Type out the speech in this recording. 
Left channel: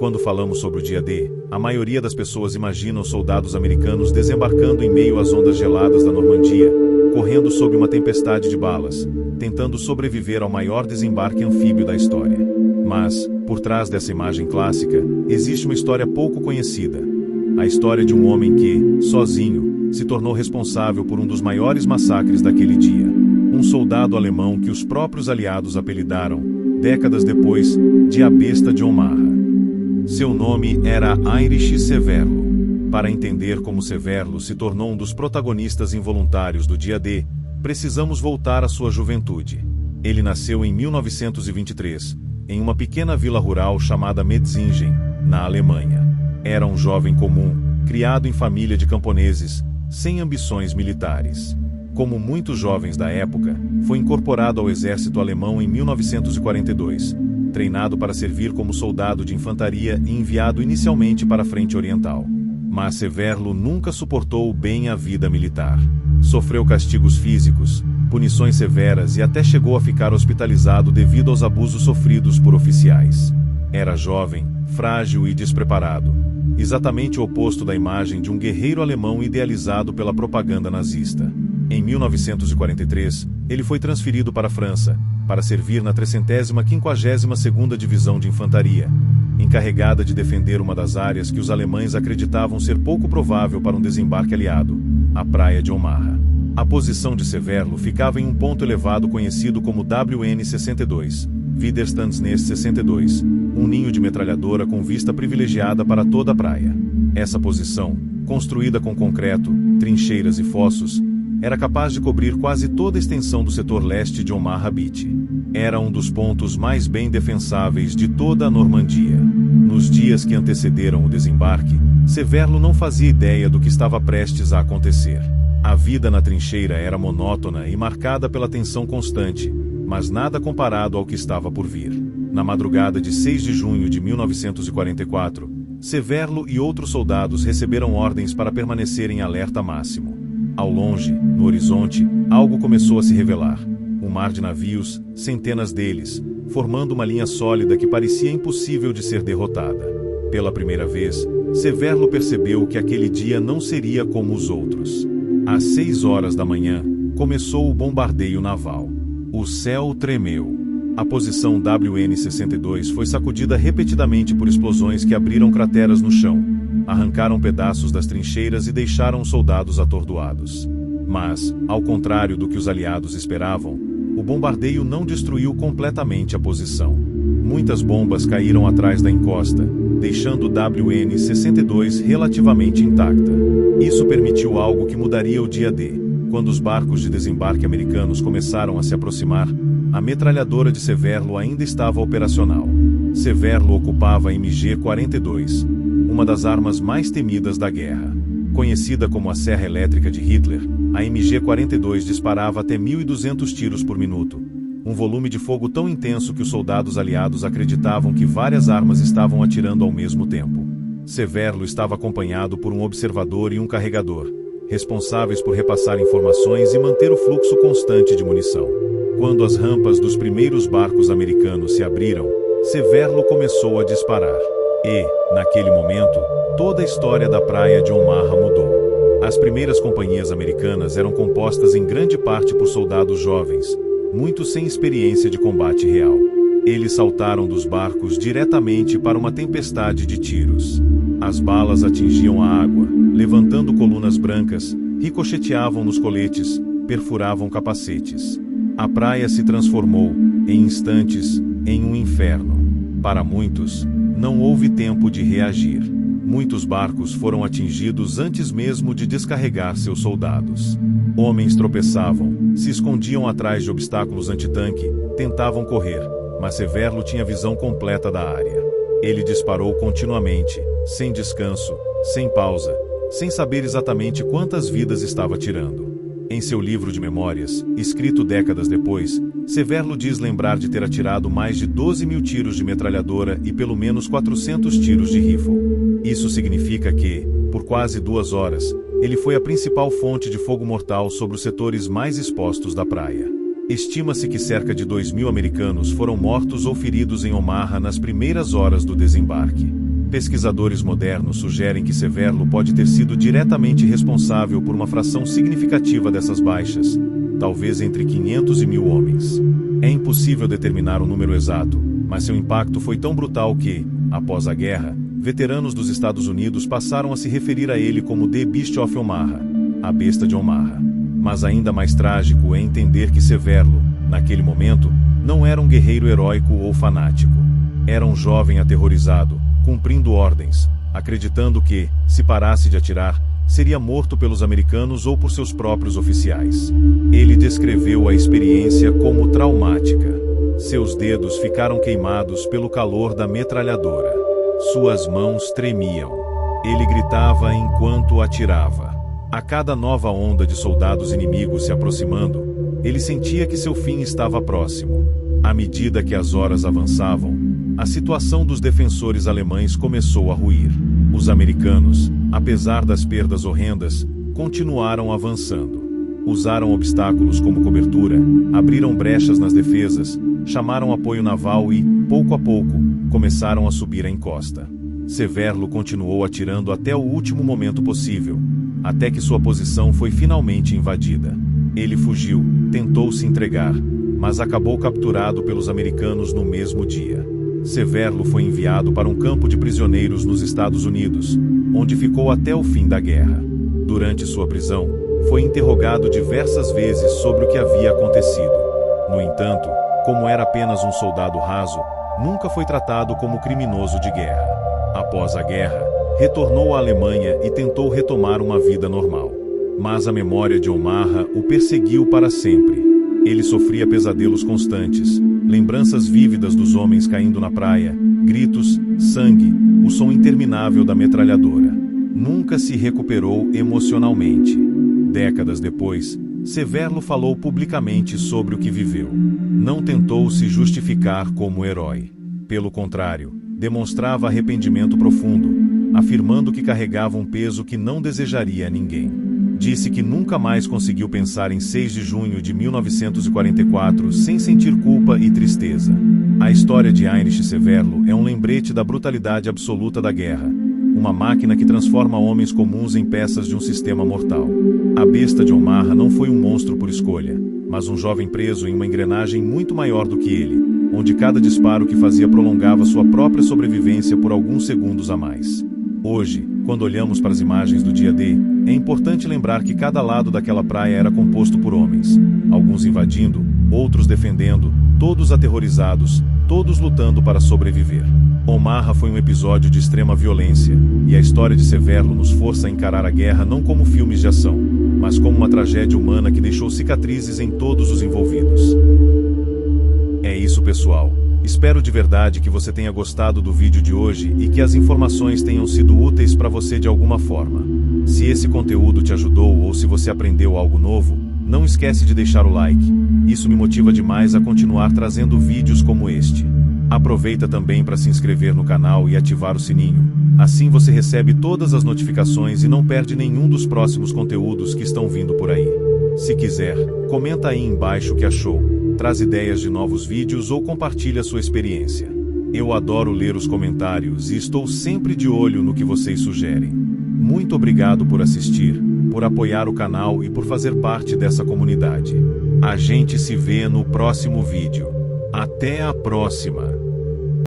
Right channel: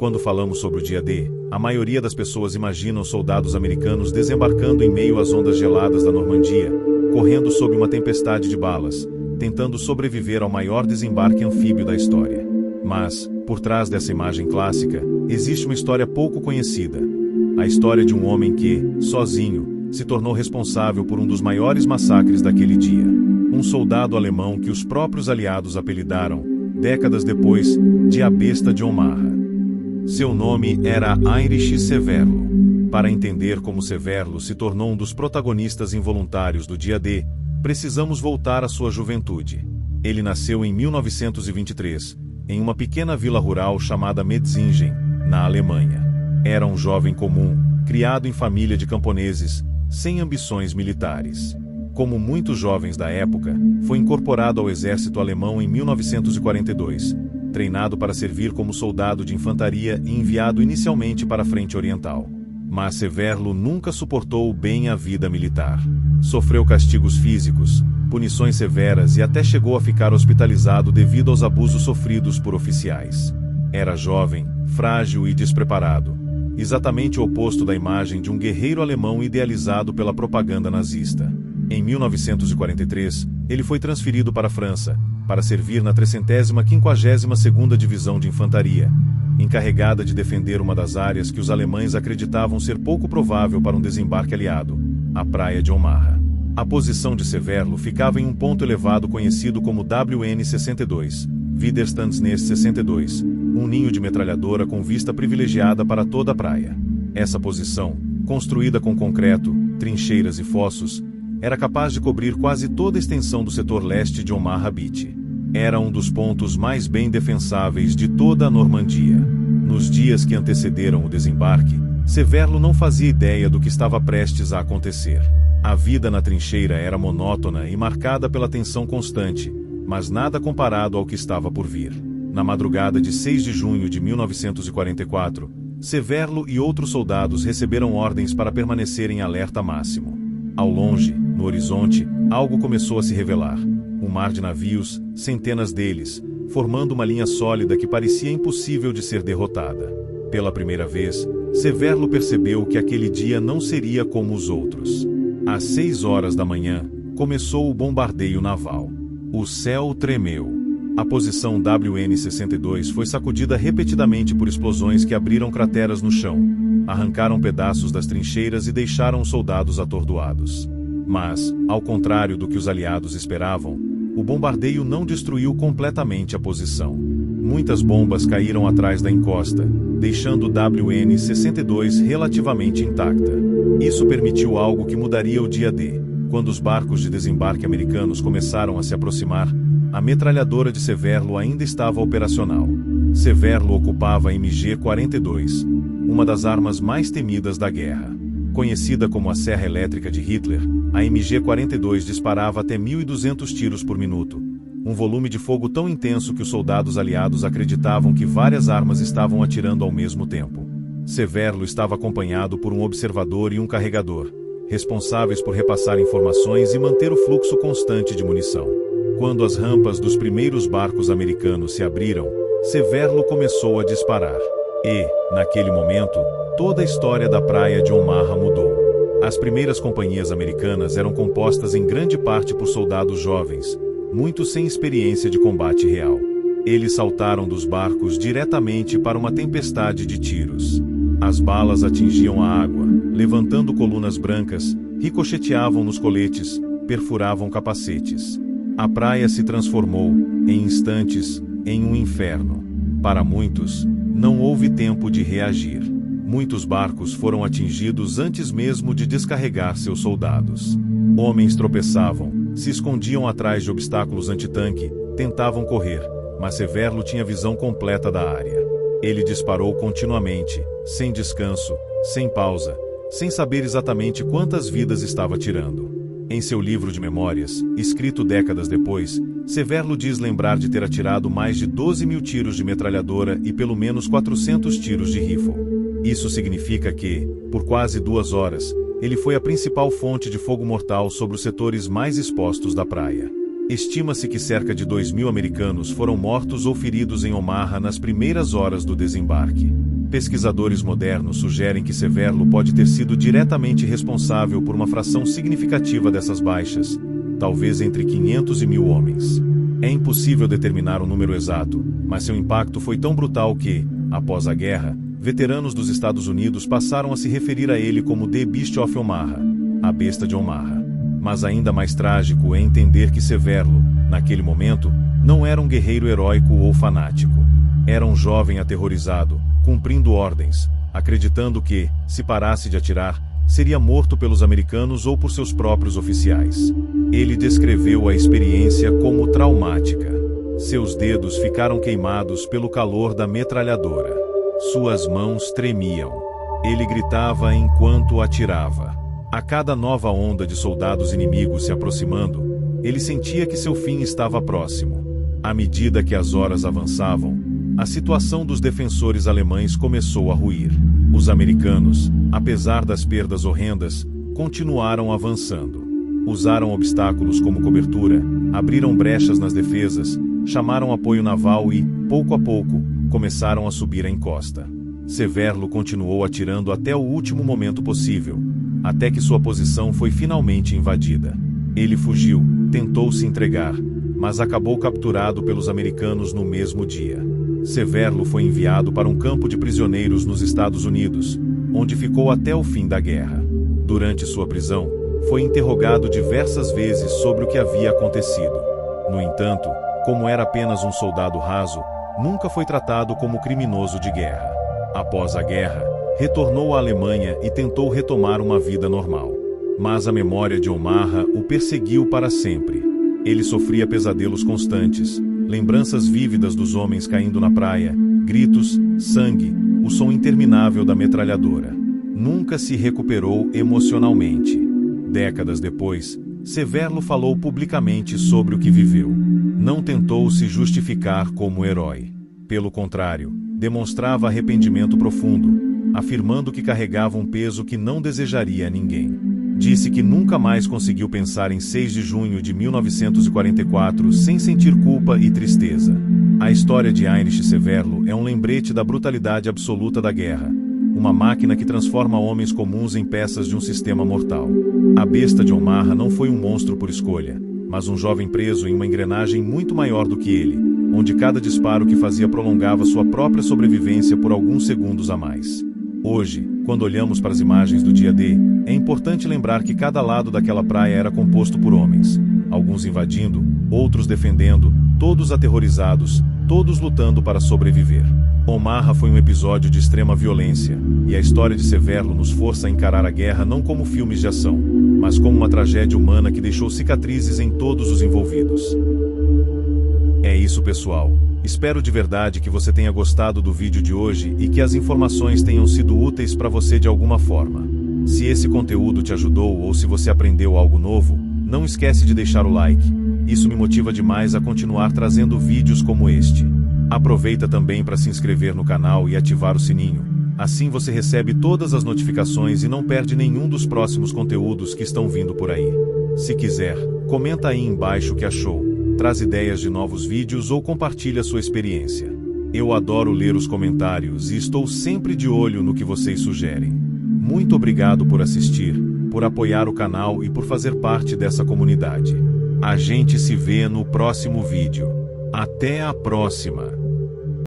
Quando falamos sobre o dia D, a maioria das pessoas imaginam soldados americanos desembarcando em meio às ondas geladas da Normandia, correndo sob uma tempestade de balas, tentando sobreviver ao maior desembarque anfíbio da história. Mas, por trás dessa imagem clássica, existe uma história pouco conhecida. A história de um homem que, sozinho, se tornou responsável por um dos maiores massacres daquele dia. Um soldado alemão que os próprios aliados apelidaram, décadas depois, de a Besta de Omaha. Seu nome era Heinrich Severlo. Para entender como Severlo se tornou um dos protagonistas involuntários do dia D, precisamos voltar à sua juventude. Ele nasceu em 1923, em uma pequena vila rural chamada Metzingen, na Alemanha. Era um jovem comum, criado em família de camponeses, sem ambições militares. Como muitos jovens da época, foi incorporado ao exército alemão em 1942, treinado para servir como soldado de infantaria e enviado inicialmente para a frente oriental. Mas Severlo nunca suportou bem a vida militar. Sofreu castigos físicos, punições severas e até chegou a ficar hospitalizado devido aos abusos sofridos por oficiais. Era jovem, frágil e despreparado, exatamente o oposto da imagem de um guerreiro alemão idealizado pela propaganda nazista. Em 1943, ele foi transferido para a França, para servir na 352ª Divisão de Infantaria, encarregada de defender uma das áreas que os alemães acreditavam ser pouco provável para um desembarque aliado, a Praia de Omaha. A posição de Severlo ficava em um ponto elevado conhecido como WN-62, Widerstandsnest 62, um ninho de metralhadora com vista privilegiada para toda a praia. Essa posição, construída com concreto, trincheiras e fossos, era capaz de cobrir quase toda a extensão do setor leste de Omaha Beach. Era um dos pontos mais bem defensáveis de toda a Normandia. Nos dias que antecederam o desembarque, Severlo não fazia ideia do que estava prestes a acontecer. A vida na trincheira era monótona e marcada pela tensão constante, mas nada comparado ao que estava por vir. Na madrugada de 6 de junho de 1944, Severlo e outros soldados receberam ordens para permanecerem em alerta máximo. Ao longe, no horizonte, algo começou a se revelar. Um mar de navios, centenas deles, formando uma linha sólida que parecia impossível de ser derrotada. Pela primeira vez, Severlo percebeu que aquele dia não seria como os outros. Às 6 horas da manhã, começou o bombardeio naval. O céu tremeu. A posição WN-62 foi sacudida repetidamente por explosões que abriram crateras no chão, arrancaram pedaços das trincheiras e deixaram os soldados atordoados. Mas, ao contrário do que os aliados esperavam, o bombardeio não destruiu completamente a posição. Muitas bombas caíram atrás da encosta, deixando o WN-62 relativamente intacta. Isso permitiu algo que mudaria o dia D. Quando os barcos de desembarque americanos começaram a se aproximar, a metralhadora de Severlo ainda estava operacional. Severlo ocupava a MG-42, uma das armas mais temidas da guerra. Conhecida como a Serra Elétrica de Hitler, a MG-42 disparava até 1.200 tiros por minuto, um volume de fogo tão intenso que os soldados aliados acreditavam que várias armas estavam atirando ao mesmo tempo. Severlo estava acompanhado por um observador e um carregador, responsáveis por repassar informações e manter o fluxo constante de munição. Quando as rampas dos primeiros barcos americanos se abriram, Severlo começou a disparar. E, naquele momento, toda a história da Praia de Omaha mudou. As primeiras companhias americanas eram compostas em grande parte por soldados jovens, muitos sem experiência de combate real. Eles saltaram dos barcos diretamente para uma tempestade de tiros. As balas atingiam a água, levantando colunas brancas, ricocheteavam nos coletes, perfuravam capacetes. A praia se transformou, em instantes, em um inferno. Para muitos, não houve tempo de reagir. Muitos barcos foram atingidos antes mesmo de descarregar seus soldados. Homens tropeçavam, se escondiam atrás de obstáculos antitanque, tentavam correr, mas Severlo tinha visão completa da área. Ele disparou continuamente, sem descanso, sem pausa, sem saber exatamente quantas vidas estava tirando. Em seu livro de memórias, escrito décadas depois, Severlo diz lembrar de ter atirado mais de 12.000 tiros de metralhadora e pelo menos 400 tiros de rifle. Isso significa que, por quase 2 horas, ele foi a principal fonte de fogo mortal sobre os setores mais expostos da praia. Estima-se que cerca de 2.000 americanos foram mortos ou feridos em Omaha nas primeiras horas do desembarque. Pesquisadores modernos sugerem que Severlo pode ter sido diretamente responsável por uma fração significativa dessas baixas, talvez entre 500 e 1000 homens. É impossível determinar o número exato, mas seu impacto foi tão brutal que, após a guerra, veteranos dos Estados Unidos passaram a se referir a ele como The Beast of Omaha, a besta de Omaha. Mas ainda mais trágico é entender que Severlo, naquele momento, não era um guerreiro heróico ou fanático. Era um jovem aterrorizado, cumprindo ordens, acreditando que, se parasse de atirar, seria morto pelos americanos ou por seus próprios oficiais. Ele descreveu a experiência como traumática. Seus dedos ficaram queimados pelo calor da metralhadora. Suas mãos tremiam. Ele gritava enquanto atirava. A cada nova onda de soldados inimigos se aproximando, ele sentia que seu fim estava próximo. À medida que as horas avançavam, a situação dos defensores alemães começou a ruir. Os americanos, apesar das perdas horrendas, continuaram avançando. Usaram obstáculos como cobertura, abriram brechas nas defesas, chamaram apoio naval e, pouco a pouco, começaram a subir a encosta. Severlo continuou atirando até o último momento possível, até que sua posição foi finalmente invadida. Ele fugiu, tentou se entregar, mas acabou capturado pelos americanos no mesmo dia. Severlo foi enviado para um campo de prisioneiros nos Estados Unidos, onde ficou até o fim da guerra. Durante sua prisão, foi interrogado diversas vezes sobre o que havia acontecido. No entanto, como era apenas um soldado raso, nunca foi tratado como criminoso de guerra. Após a guerra, retornou à Alemanha e tentou retomar uma vida normal. Mas a memória de Omaha o perseguiu para sempre. Ele sofria pesadelos constantes, lembranças vívidas dos homens caindo na praia, gritos, sangue, o som interminável da metralhadora. Nunca se recuperou emocionalmente. Décadas depois, Severlo falou publicamente sobre o que viveu. Não tentou se justificar como herói. Pelo contrário, demonstrava arrependimento profundo, afirmando que carregava um peso que não desejaria a ninguém. Disse que nunca mais conseguiu pensar em 6 de junho de 1944 sem sentir culpa e tristeza. A história de Heinrich Severlo é um lembrete da brutalidade absoluta da guerra, uma máquina que transforma homens comuns em peças de um sistema mortal. A besta de Omaha não foi um monstro por escolha, mas um jovem preso em uma engrenagem muito maior do que ele, onde cada disparo que fazia prolongava sua própria sobrevivência por alguns segundos a mais. Hoje, quando olhamos para as imagens do dia D, é importante lembrar que cada lado daquela praia era composto por homens, alguns invadindo, outros defendendo, todos aterrorizados, todos lutando para sobreviver. Omaha foi um episódio de extrema violência, e a história de Severlo nos força a encarar a guerra não como filmes de ação, mas como uma tragédia humana que deixou cicatrizes em todos os envolvidos. É isso, pessoal. Espero de verdade que você tenha gostado do vídeo de hoje e que as informações tenham sido úteis para você de alguma forma. Se esse conteúdo te ajudou ou se você aprendeu algo novo, não esquece de deixar o like. Isso me motiva demais a continuar trazendo vídeos como este. Aproveita também para se inscrever no canal e ativar o sininho. Assim você recebe todas as notificações e não perde nenhum dos próximos conteúdos que estão vindo por aí. Se quiser, comenta aí embaixo o que achou, traz ideias de novos vídeos ou compartilha sua experiência. Eu adoro ler os comentários e estou sempre de olho no que vocês sugerem. Muito obrigado por assistir, por apoiar o canal e por fazer parte dessa comunidade. A gente se vê no próximo vídeo. Até a próxima!